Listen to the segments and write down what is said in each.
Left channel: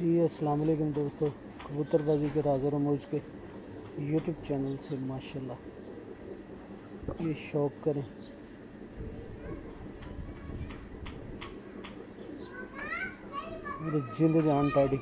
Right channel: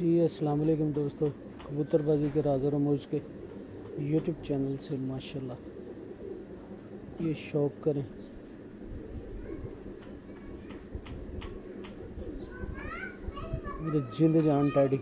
जी अस्सलाम वालेकुम दोस्तों, कबूतरबाजी के राज़ और रमूज के यूट्यूब चैनल से माशाल्लाह ये शौक़ करें। मेरे जिंद जान टैडी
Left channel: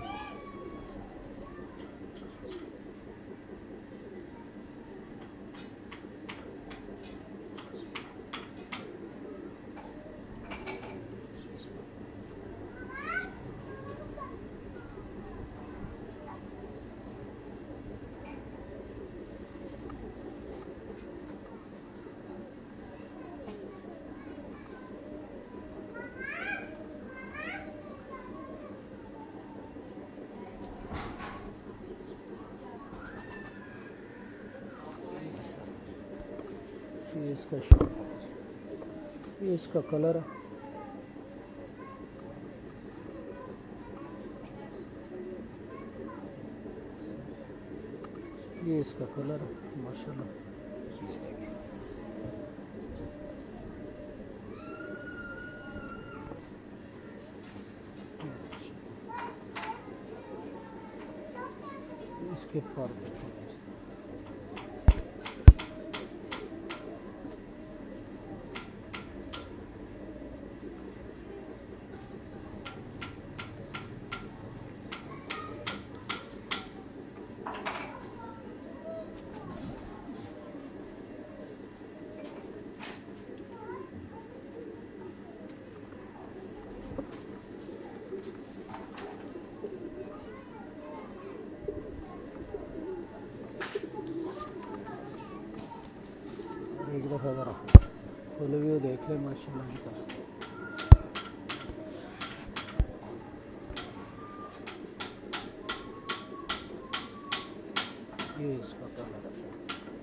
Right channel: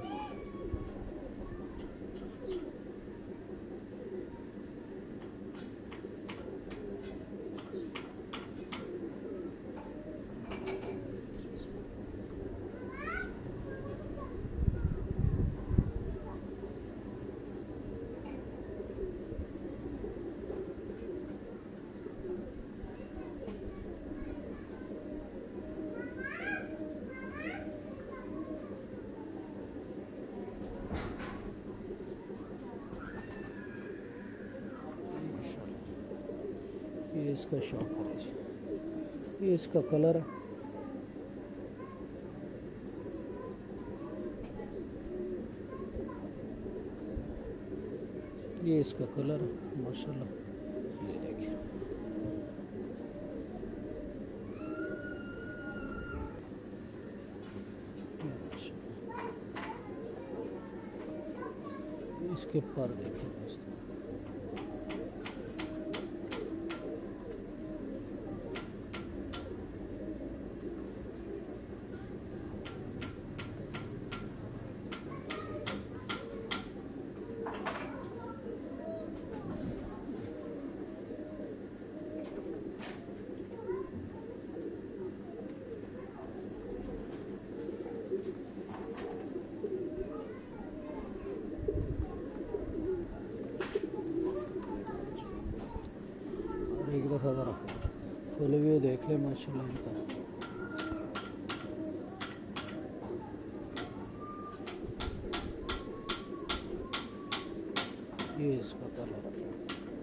ये इसका शौक है जी। ये इसका कलर है। ये इसका कलर है माशाल्लाह। ये देखिए इसके पर देखिए दोस्तों। एक दफ़ा ज़रा फुल व्यू देख ले माशाल्लाह इनका। ये इसका कलर है।